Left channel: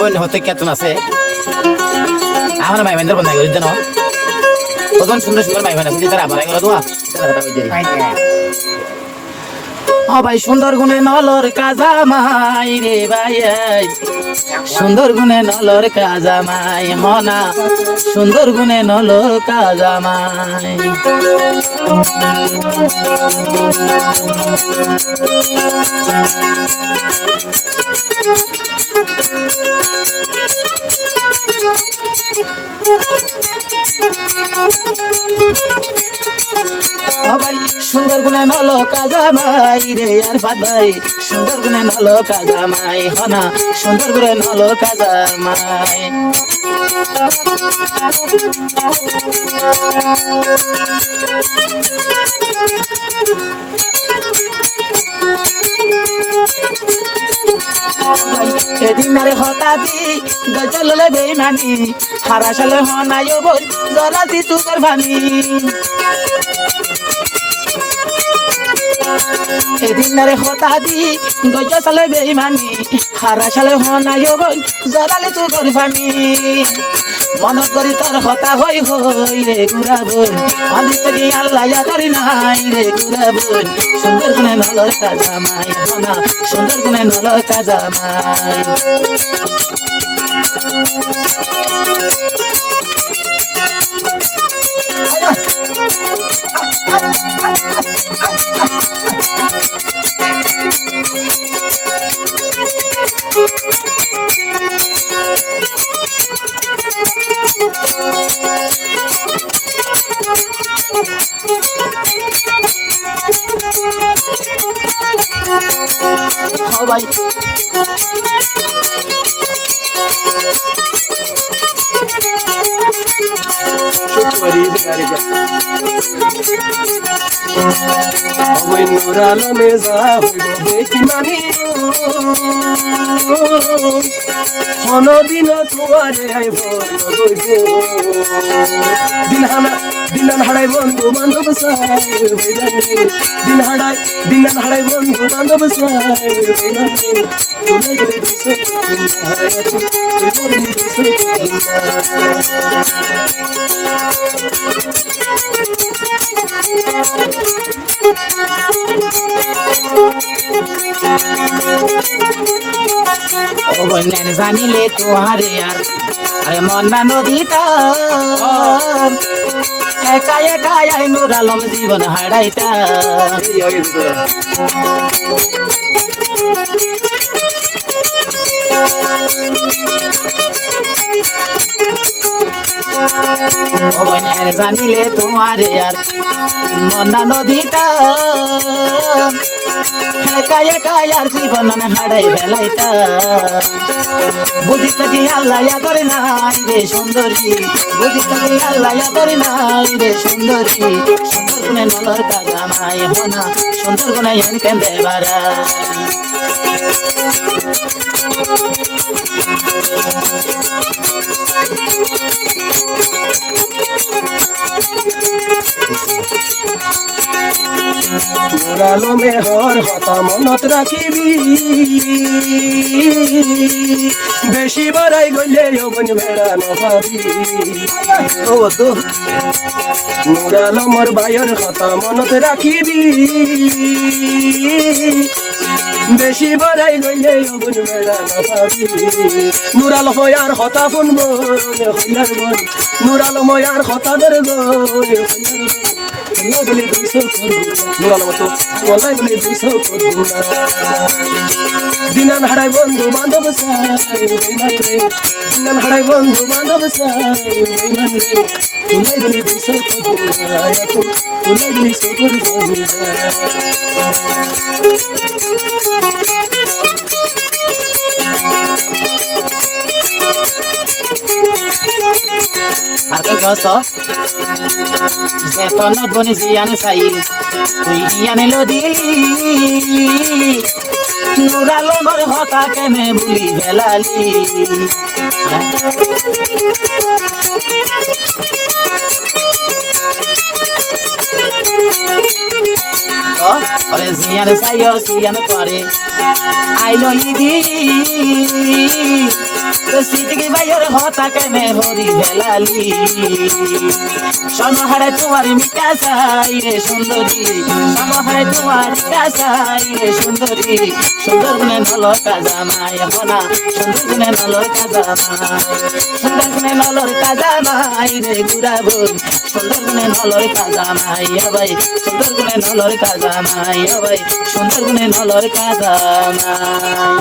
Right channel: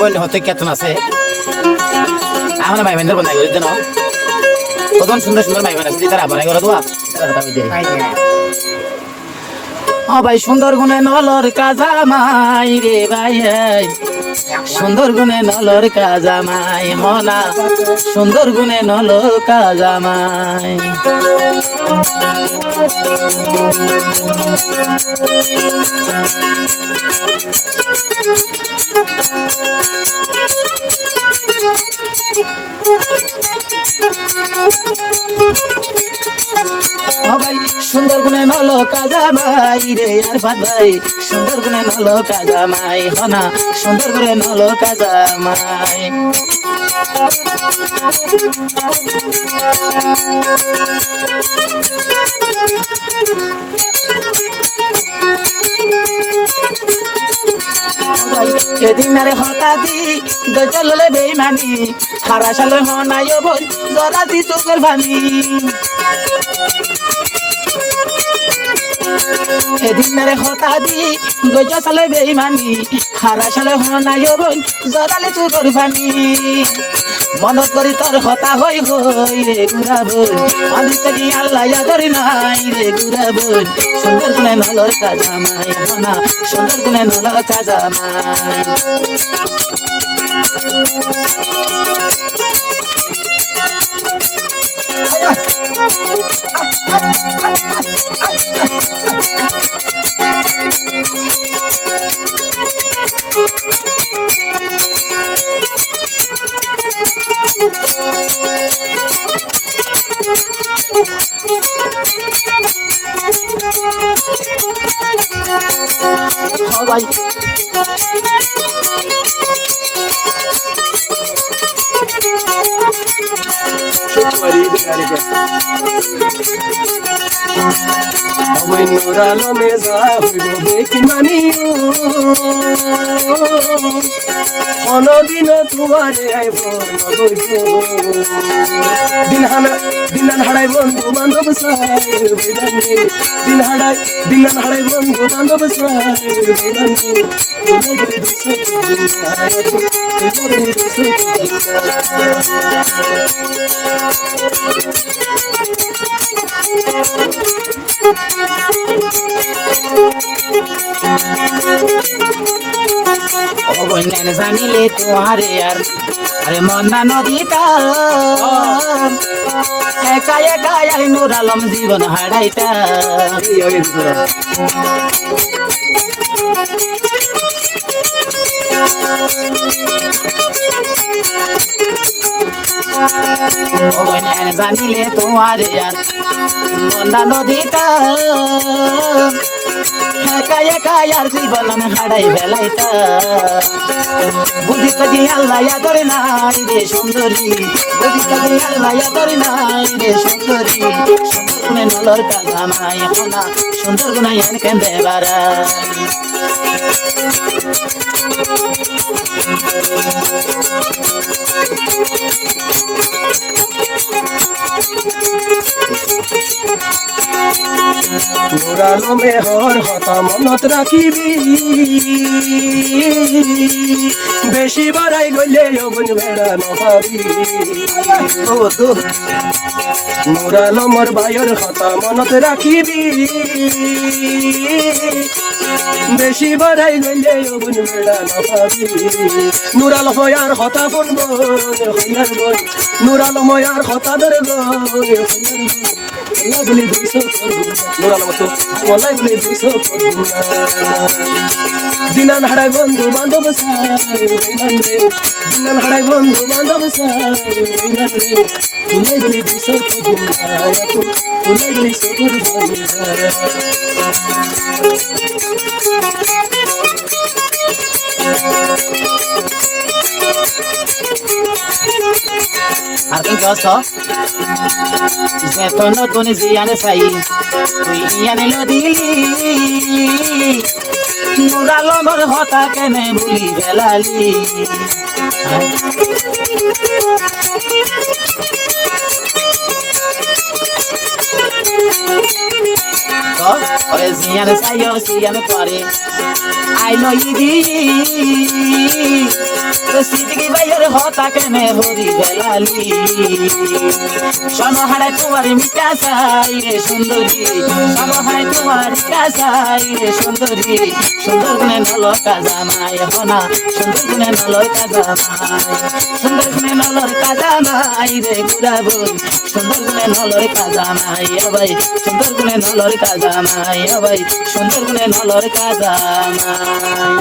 বোন হতে কেতন আছে আমার ভাই বোনদের বন্ধা করি জানো কত সুন্দর সুন্দর ভাই বোন আছে তারা আবার করে দোয়া ও ভাই সুন্দর গুনে নলর কাজা মাই রে ভাই সুন্দর গুনে নলর কাজা মাই মনা সুন্দর গুনে নলর কাজা মাই ভাই সুন্দর গুনে নলো কাজা মাই রে আর ভাই সুন্দর গুনে নলো কাজা মাই হনা সুন্দর গুনে নলো কাজা মাই এদিন রে হতা দি গজললে বেইমানি হারা সালে হনায় বই জরাতি তু করবানি এদিন রে হতা দি গজ সালে বেইমানি হারা সালে হনায় বই জরালে তু করবানি মন করি তোর হতা হই হই রে গুরাবই আমি তোকে আল্লাহ করি নাই রে গুরাবই সুন্দর গুনে নলর কাজা মাই হনা সুন্দর গুনে নলর কাজা মাই ভাই নুরালো মেজা হইব দেখি মানি অনদিন তোমারে আই দিনান হাড়াই বন্ধু বান্ধব দিনান হাড়াই বন্ধু বান্ধব জানিলে তোহারে আর আরে মন্দা নদীটা একা একা আই নূর আলম জীবন হারাইতা জানিলে তোমারে আর মন্দা নদীটা একা একা আর জীবন হারাই বেলাইটা বুঝিতে যে আল্লাহ করে নাই রে সুন্দরী বুঝিতে যে আল্লাহ করে নাই রে সুন্দরী সুন্দর গুণে নলর কাজা মাই হনা সুন্দর গুণে এনকে দেবারা গোরালো মেহর হতা মনত রাখিবি বেশি বড়াই গলে অবন বেড়ানো পাবি ও তো গোরালো মোর ভাইয়ের হতা মনত রাখিবি বেশি বড়াই গলে অবন বেড়ানো পাবি নুরাল হয়ার হতা ফোনব নুরাল ময়ার হতা দরব লাগলে দুইশো নুরাল মতো লাগলে দুইশো দিনান হাড়াই বন্ধু বান্ধব দিনান হাড়াই বন্ধু বান্ধব লাগলে দুইশো লাগলে সতুর আর কি কষ্ট যে তন ধ্বনি জিয়ানে চাই তুই ইয়ানে লদিলি নুরালমর হতা কেনে ভুলি বেলালি ওরে জিয়ান সাইও সিয়ান করে আইলো ইদি সিটিকে বাইয়ের হতা কেনে হরি বেলালি সমহারায় তোমার মিটা চাই রে সুন্দরী সমহারায় তোমার মিটা চাই রে সুন্দরী সুন্দর গুণে নলর কাজামাই হনা সুন্দর গুণে নলর কাজামাই সুন্দর গুণে নলর কাজামাই রে গুড়া বই সুন্দর গুণে নলর কাজামাই ভাই সুন্দর গুণে নলর কাজামাই ভাই সুন্দর গুণে নলর কাজামাই